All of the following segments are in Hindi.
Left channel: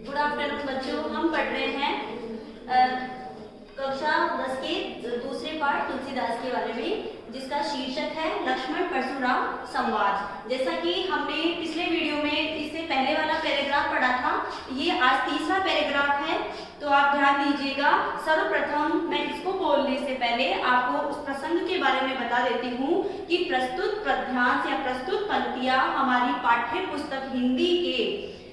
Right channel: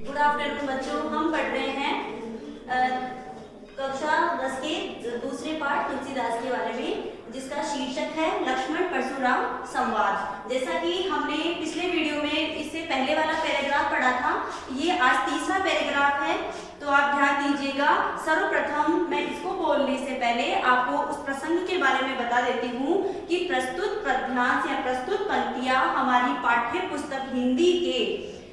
गुड आफ्टरनून बच्चों, हम पढ़ रहे हैं कक्षा 10 के दूसरे पाठ तुलसीदास के बारे में, जिसका शीर्षक है लक्ष्मण परशुराम संवाद। जैसा कि हमने पिछले वीडियो में इससे पहले वाला पैराग्राफ पढ़ा था, ये आज तीसरा पैराग्राफ है, तो आप ध्यान दीजिएगा। सर्वप्रथम मैं इसको बोलने से पहले आपको उस प्रसंग के बारे में बता देती हूँ कि प्रस्तुत पद्यांश या प्रस्तुत पंक्तियां हमारी पाठ्य पुस्तक हिंदी के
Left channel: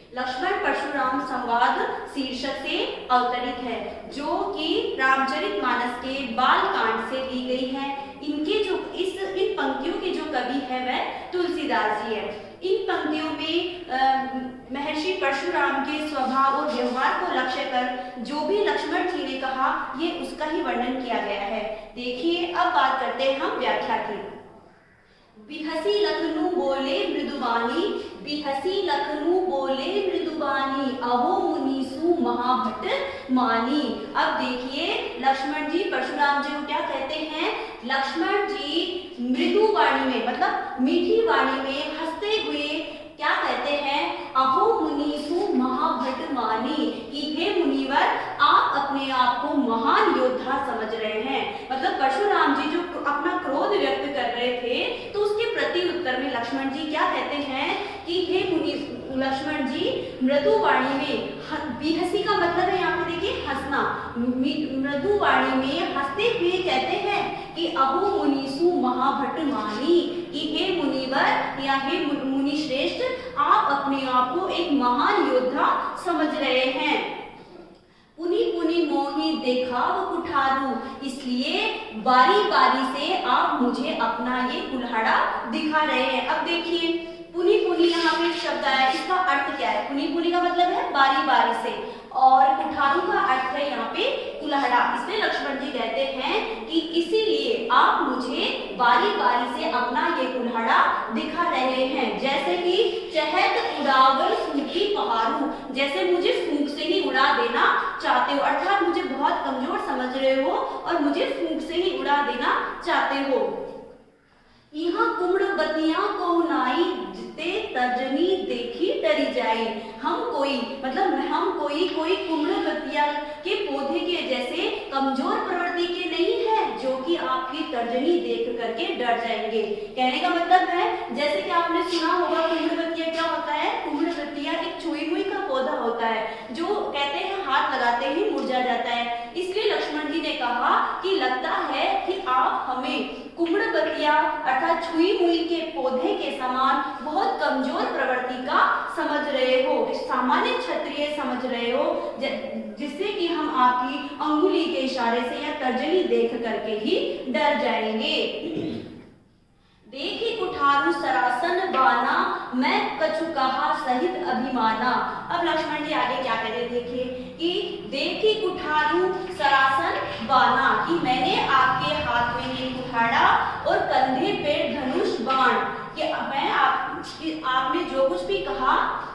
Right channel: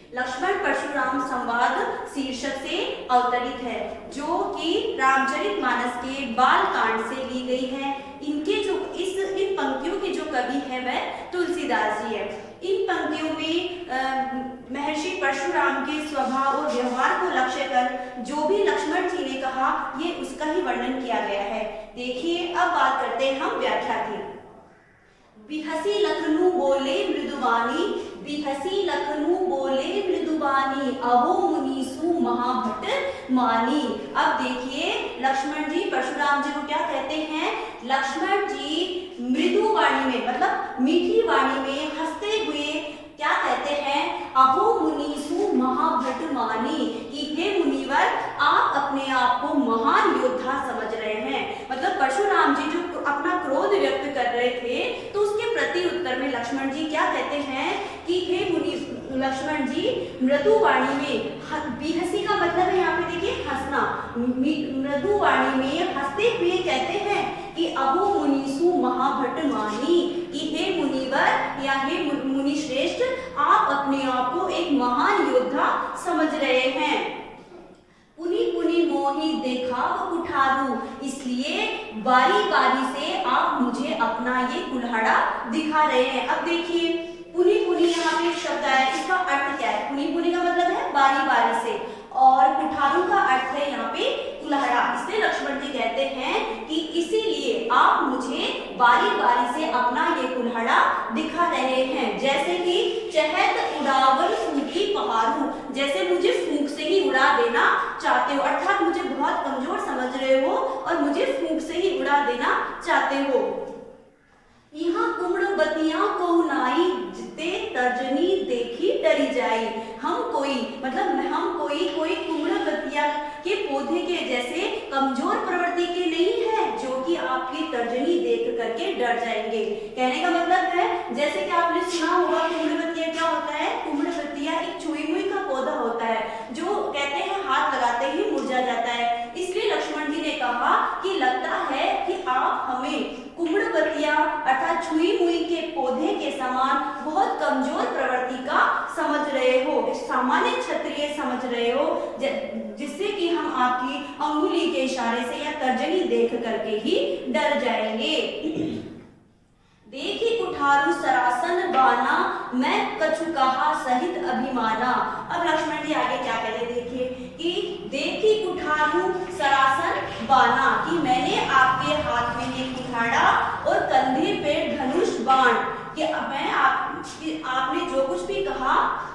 लक्ष्मण परशुराम संवाद शीर्षक से अवतरित है, जो कि रामचरितमानस के बाल कांड से ली गई है। इनके जो इन पंक्तियों के जो कवि है वह तुलसीदास जी है। इन पंक्तियों में महर्षि परशुराम के स्वभाव और व्यवहार को लक्ष्य कर जो भी लक्ष्मण जी ने कहा, ये उसका ही वर्णन किया गया है। देखिए, अब बात करते हैं हम व्याख्या की। बिहसी लखनऊ बोले मृदुबानी, बिहसी लखनऊ बोले मृदुबानी, अहो मुनीसु महाभट मानी। अब देखिए, लक्ष्मण जी परशुराम जी को क्या कहते हैं? लक्ष्मण जी मृदु वाणी में, मतलब मीठी वाणी में हंसते हुए क्या कहते हैं? अहो मुनीसु महाभट मानी, कि हे मुनिवर, आप अपने आप को महान योद्धा समझ रहे हैं। मतलब परशुराम जी जो अपना क्रोध व्यक्त कर रहे थे, तो उसके प्रति उत्तर में लक्ष्मण जी क्या कहते हैं कि हे मुनि लक्ष्मण जी मृदु वाणी में, बिहसी का मतलब है यहाँ पे देखिए हंसना, मृदु वाणी में हंसते हुए कहते हैं कि अहो मुनीसु महाभट मानी, कि हे मुनिवर या हे मुनि श्रेष्ठ, आप अपने आप को एक महान योद्धा समझ रहे हैं। पुनि पुनि मोहि देखा वो कुठारू, इसलिए बारी बारी से आप मुझे अपना ये कुल्हाड़ा दिखा रहे हैं। अब देखिए, पुनि पुनि यहाँ पे शब्द आया, इसका अर्थ क्या है? पुनि पुनि का मतलब है बारी बारी से, और कुठारू का अर्थ है यहाँ पे कुल्हाड़ा। इसलिए लक्ष्मण जी कहते हैं कि इसीलिए आप मुझे बारी बारी से अपना ये कुल्हाड़ा दिखा रहे हैं। जैसे कि चहत उड़ावल फूंकी पहाड़ू, जैसे मुझे फूंक से ही उड़ा देना चाहते हो, अर्थात मुझे बहुत कमजोर समझ रहे हो और मुझे फूंक से ही उड़ा देना चाहते हो। यहाँ कुम्रवतियां को नाई जिते तर्जनी देखी डरी जाए। हम कोई मतलब हम कोई कुम्रवतिया के पौधे के जैसे कमजोर प्रवृत्ति के नहीं है, जो कि आपकी तर्जनी देख करके डर जाएंगे। कहने का मतलब है, जैसे कि आपने सुना होगा कुम्रवतिया क्या होता है? कुम्रवतिया एक छुई मुई का पौधा होता है, जो कहते हैं हाथ लगाते ही मुरझा जाता है। इसलिए लक्ष्मण जी ने कहा कि लगता है कि आप हमें कुम्रवतिया अर्थात छुई मुई के पौधे के समान बहुत कमजोर प्रवृत्ति का समझ रहे हो, सामान्य क्षत्रिय समझ रहे हो, जिससे कि हम आपकी अंगुली के इशारे से या तर्जनी देख करके ही डर जाएंगे। देखी कुठारू सरासन बाना, मैं कछु कहा सहित अभिमाना। अब लक्ष्मण जी आगे क्या कह रहे, देखिए कि देखी कुठारू सरासन बाना, कि मैंने आपके हाथ में ये कुठाड़ा और कंधे पे धनुष बाण, कि मैं आपने जो कुछ भी कहा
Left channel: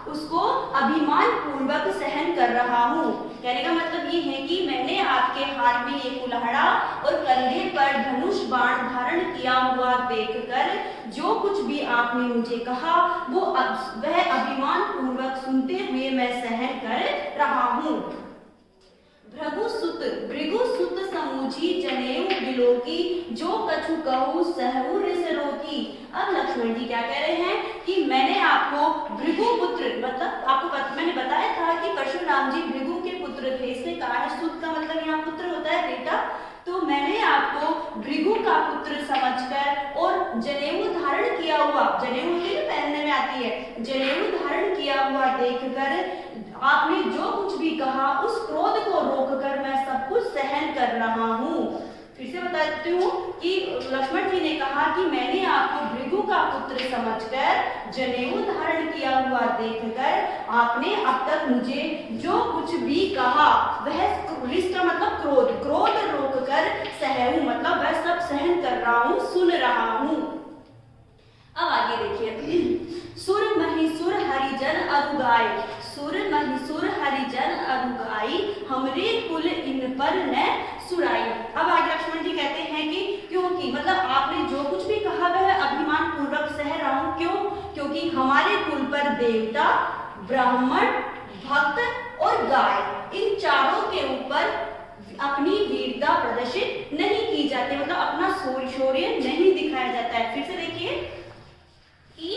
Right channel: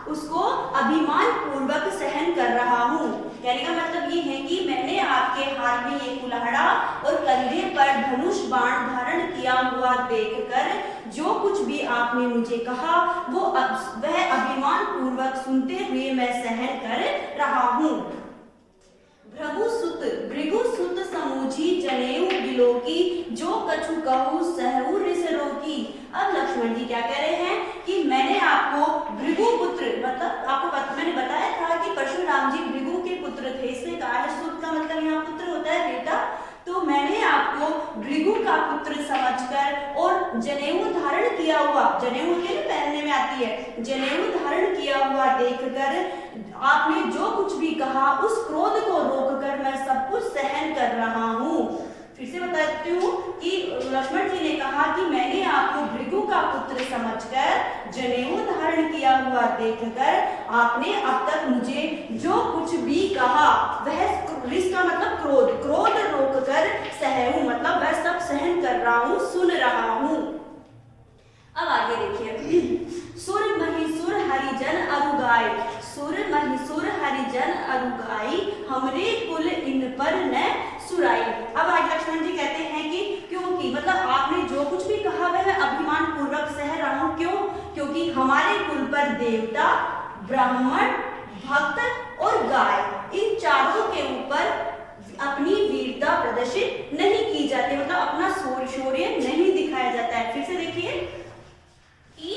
उसको अभिमान पूर्वक सहन कर रहा हूँ। कहने का मतलब ये है कि मैंने आपके हाथ में ये कुल्हाड़ा और कंधे पर धनुष बाण धारण किया हुआ देखकर जो कुछ भी आपने मुझे कहा वह अभिमान पूर्वक सुनते हुए मैं सहन कर रहा हूँ। भृगु सुत समूझी जनेऊ बिलोकी, जो कछु कहूँ सहु रिस रोकी। अब लक्ष्मण जी क्या कह रहे हैं कि मैंने आपको भृगु पुत्र, मतलब आपको मैंने बताया था कि परशुराम जी भृगु के पुत्र थे, इससे कहा है सुत का मतलब यहाँ पुत्र होता है बेटा, तो मैंने आपको भृगु का पुत्र समझकर और जनेऊ धारण किया हुआ, जनेऊ के पहनने में आती है, जनेऊ धारण किया हुआ देखकर आपने जो कुछ भी कहा उस क्रोध को रोककर मैं सब कुछ सहन कर रहा हूँ। फिर से बताती हूँ कि लक्ष्मण जी ने कहा कि मैंने आपको भृगु का पुत्र समझकर जनेऊ धारण किया हुआ देखकर आपने अब तक मुझे जो कुछ भी कहा वह रिस का मतलब क्रोध रोककर सहूं, मतलब वह सब सहन कर रहा हूँ, सुन रहा हूँ। अब आगे देखिए, सुर महिसुर हरिजन अरुगाई, सुर महिसुर हरिजन अरुगाई, हमरे कुल इन पर न सुराई। अब आगे लक्ष्मण जी कहते हैं कि क्योंकि मतलब आपने जो कुछ भी कहा वह अभिमान पूर्वक सह रहा हूं, क्यों? क्योंकि हमारे कुल पर देवता, ब्राह्मण, भक्त और गाय, इन चारों के ऊपर अपनी वीरता प्रदर्शित नहीं की जाती, मतलब अपना शौर्य नहीं दिखाया जाता है। फिर से देखिए कि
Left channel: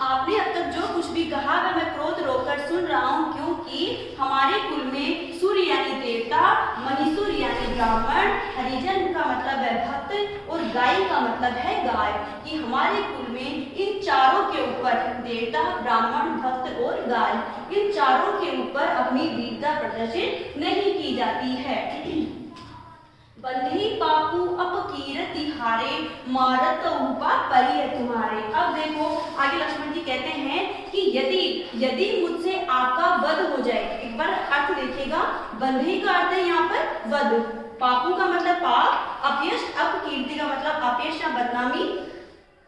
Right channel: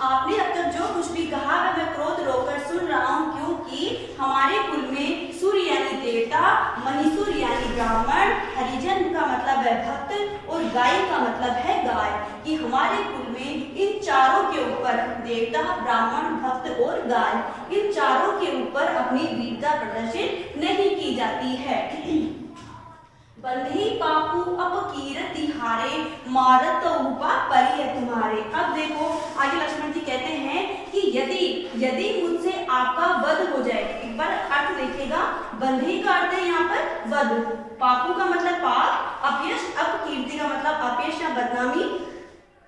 आपने अब तक जो कुछ भी कहा वह मैं क्रोध रोककर सुन रहा हूँ, क्योंकि हमारे कुल में सूर्य यानी देवता, महीसुर यानी ब्राह्मण, हरिजन का मतलब है भक्त और गाय का मतलब है गाय, कि हमारे कुल में इन चारों के ऊपर देवता, ब्राह्मण, भक्त और गाय, इन चारों के ऊपर अपनी वीरता प्रदर्शित नहीं की जाती है। बंधई पापू अपकीरति हारे, मारत उपा परिय तुम्हारे। अब देखो आगे लक्ष्मण जी कहते हैं कि यदि मुझसे आपका वध हो जाए, एक बार अर्थ देखिएगा, बंधई का अर्थ है यहाँ पर वध, पापू का मतलब पाप, अपयश, अपकीर्ति का मतलब अपयश या बदनामी।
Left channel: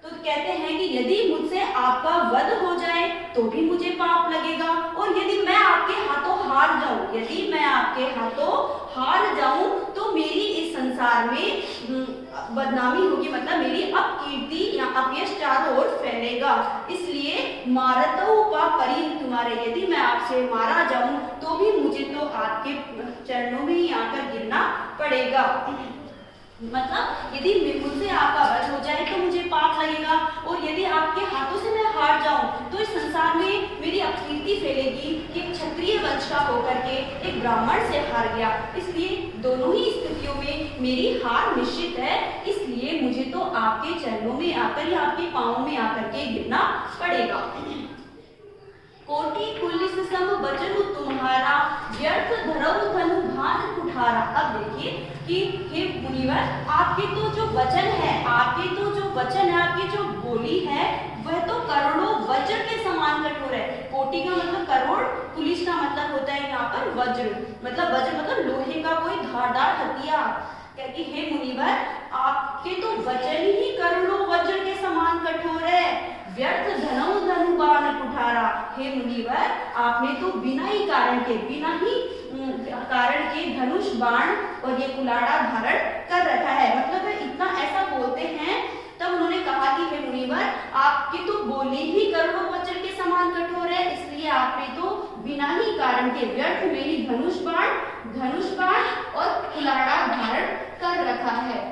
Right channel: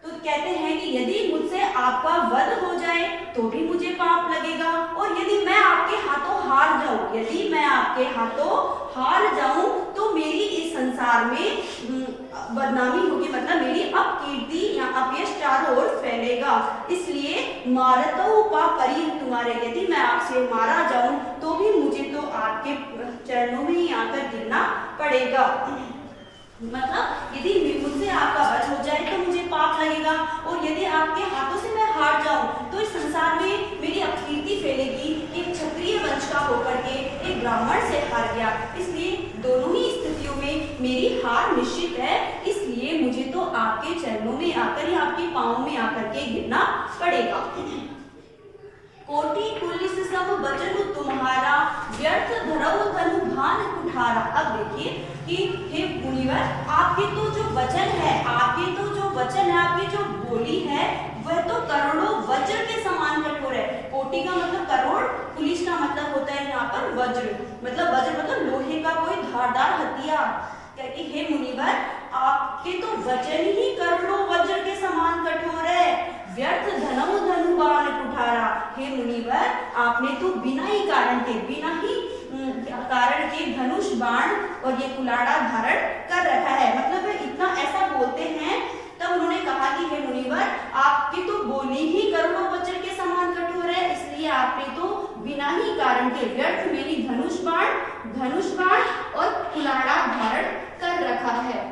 तो कहते हैं कि यदि मुझसे आपका वध हो जाए तो भी मुझे पाप लगेगा, और यदि मैं आपके हाथों हार जाऊं, यदि मैं आपके हाथों हार जाऊं तो मेरी इस संसार में बदनामी होगी, मतलब मेरी अपकीर्ति या अपयश चारों ओर फैलेगा। इसलिए मारतो पा परी तुम्हारे, यदि मैं आपसे मारा जाऊं तो भी मुझे तो आपके चरणों में ही आकर गिरना पड़ेगा। मतलब यदि मुझसे आपका वध हो जाए तो मुझे पाप लगेगा, और यदि आपके हाथों से मैं हार जाऊं तो इस संसार में मेरी अपकीर्ति फैलेगी कि एक क्षत्रिय वंश का होकर के एक ब्राह्मण से हार गया। इसलिए दोनों ही स्थितियों में मेरी हार निश्चित है, इसलिए मुझे तो आपके चरणों में आकर या आपके पांवों में आकर के गिरना पड़ेगा। कोटि पुलिस सब वचन तुम्हारा, व्यर्थ धरऊ धनु भान कुठारा। अब देखिए कि हे मुनिवर, आपके तो जो वचन है, आपके जो बोली है वह तो करोड़ों वज्र के समान कठोर है। कोटि का मतलब करोड़, पुलिस का मतलब होता है यहाँ पर वज्र, मतलब लोहे का कोई धारदार हथियार। कहती हे मुनिवर, आपके तो वचन ही करोड़ों वज्र के समान कठोर है, व्यर्थ धनऊ धनु बाण कुठारा। हे मुनिवर, आपने तो बिना ही कारण के धनुष, बाण और ये कुलाड़ा धारण कर रखा है। मतलब इतना ऐसा बोलते हैं, तब उन्होंने कहा कि हे मुनिवर, आपकी तो बोली ही करोड़ों वज्र के समान कठोर है, इसलिए आपने तो बिना ही कारण के व्यर्थ में ही धनुष बाण और कुलाड़ा धारण कर रखा है।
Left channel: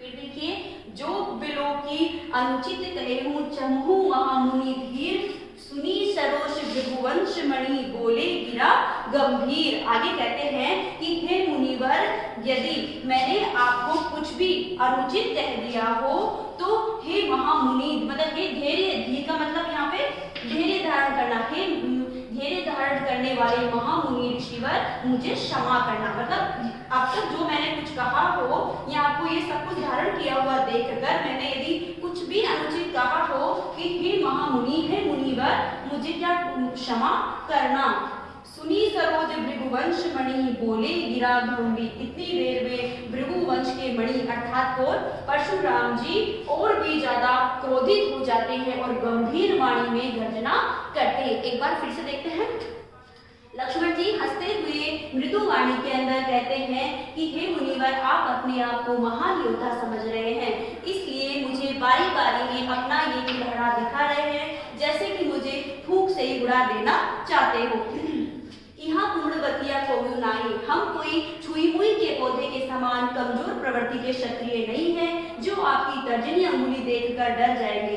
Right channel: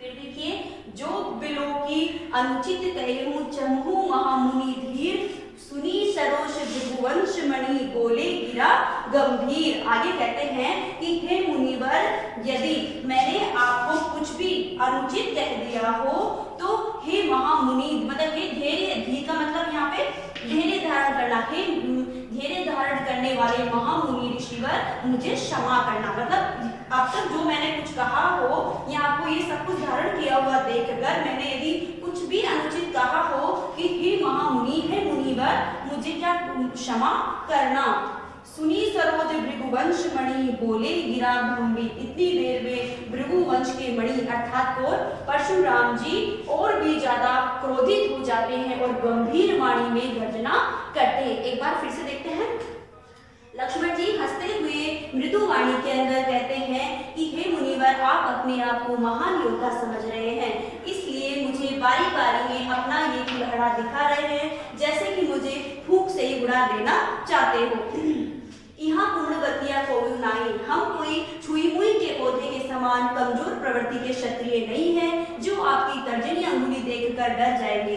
फिर देखिए, जो बिलो की अनुचित कहेहूं चमहू महामुनि धीर, सुनी सरोष भृगुवंश मणि बोले गिरा गंभीर। आगे कहते हैं कि हे मुनिवर, यदि मैंने आपको कुछ भी अनुचित कह दिया हो तो हे महामुनि, मतलब हे धैर्य, धीर का मतलब यहाँ पे धैर्य धारण करना, हे धैर्य धारण करने वाले महामुनि ऋषिवर, मुझे क्षमा करना। मतलब अब तक जो मैंने कुछ कहा हो या आपको ये सब कुछ धारण किया हुआ देखकर मैंने यदि कुछ भी अनुचित कहा हो कि हे महामुनि, हे मुनिवर, मुझे क्या क्षमा करना। सुनी सरोज भृगुवंश मणि बोले गिरा गंभीर। इतनी देर में भृगुवंश के मणि अर्थात कौन, परशुराम जी और भी ज्यादा क्रोधित हो जाते हैं और गंभीर वाणी में गर्जना करते हैं। एक बार फिर से देखते हैं। लक्ष्मण जी हंसते हुए मृदु वाणी के अंदर कहते हैं कि हे मुनिवर, आप अपने आप को महान योद्धा समझ रहे हैं, इसलिए मुझे बारी बारी में अपना ये कुल्हाड़ा दिखा रहे हैं, जैसे कि मुझे फूंक से ही उड़ा देना चाहते हो। यहाँ पूर्ण गतिया कोई नहीं, हम कोई छुई मुई के पौधे के समान कमजोर प्रवृत्ति के क्षत्रिय नहीं है जो आपकी तर्जनी अंगुली देखकर डर जाएंगे।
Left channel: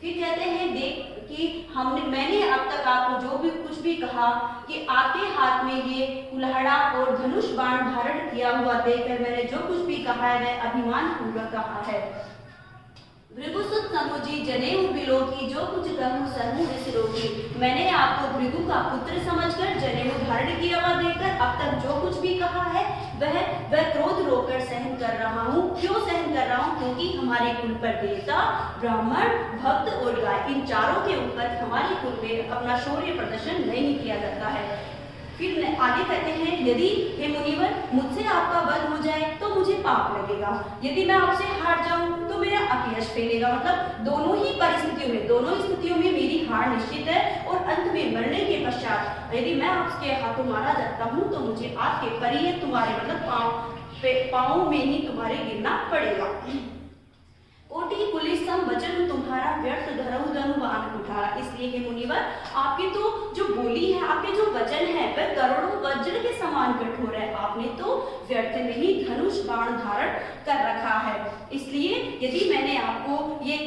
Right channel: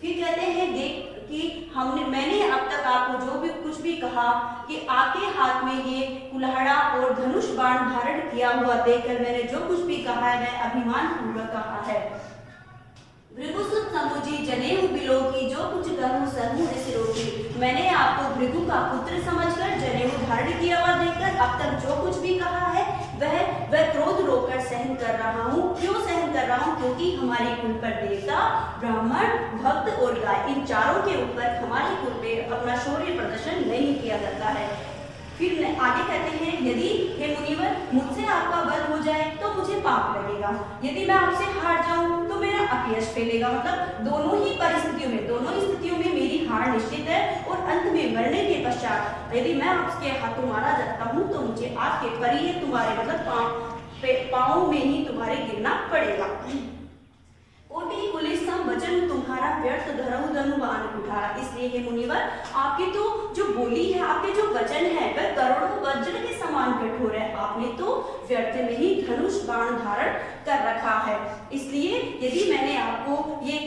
फिर कहते हैं देख कि मैंने अब तक आपको जो भी कुछ भी कहा कि आपके हाथ में ये कुल्हाड़ा और धनुष बाण धारण किया हुआ देखकर मैंने जो कुछ भी कहा है वह अभिमान पूर्वक कहा है। भृगुसुत समुझी जनेऊ बिलो की, जो कुछ कहूँ सहूँ इस रोगी। मैंने आपको भृगु का पुत्र समझकर जनेऊ धारण किया हुआ देखकर अब तक जो कुछ भी कहा है वह क्रोध रोककर सहन कर रहा हूँ। क्यों सहन कर रहा हूँ? क्योंकि हमारे कुल पर देवता, ब्राह्मण, भक्त और गाय, इन चारों के ऊपर हमारे कुल में अपना शौर्य प्रदर्शन नहीं किया जाता है। फिर आगे कहते हैं, यदि हे मुनिवर मुझसे आपका वध हो जाए तो मुझे पाप लगेगा, यदि मैं आपसे हार जाऊं तो मेरा अपयश फैलेगा। मतलब दोनों ही स्थितियों में मेरी हार निश्चित है, और अंत में मरने के पश्चात यदि मैं आपके हाथों मारा जाता हूं तो मुझे आपके परिये तुम्हारे मतलब पाँव में ही तुम्हारे गिरना पड़ेगा। कोटि पुलिस सब वचन तुम्हारा, व्यर्थ धरऊ धनु बाण कुठारा। इसलिए हे मुनिवर, आपकी तो जो बोली है, आपके जो वचन है वह करोड़ों के समान कठोर है, आपने तो व्यर्थ में ही धनुष बाण धारण कर रखा है। इसलिए यदि मैंने आपको ये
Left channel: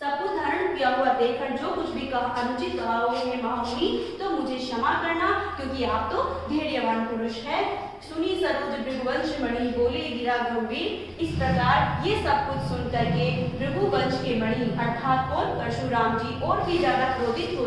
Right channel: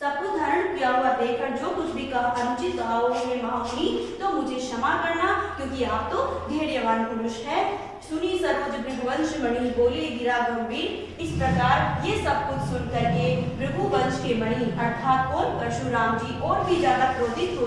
सब कुछ धारण किया हुआ देखकर जो कुछ भी कहा अनुचित कहा हो महामुनि, तो मुझे क्षमा करना, क्योंकि आप तो धैर्यवान पुरुष है। सुनी सरोज भृगुवंश मणि, बोले गिरा गंभीर। इस प्रकार ये सब कुछ सुन करके भृगुवंश के मणि अर्थात कौन परशुराम जी और भी ज्यादा क्रोधित हो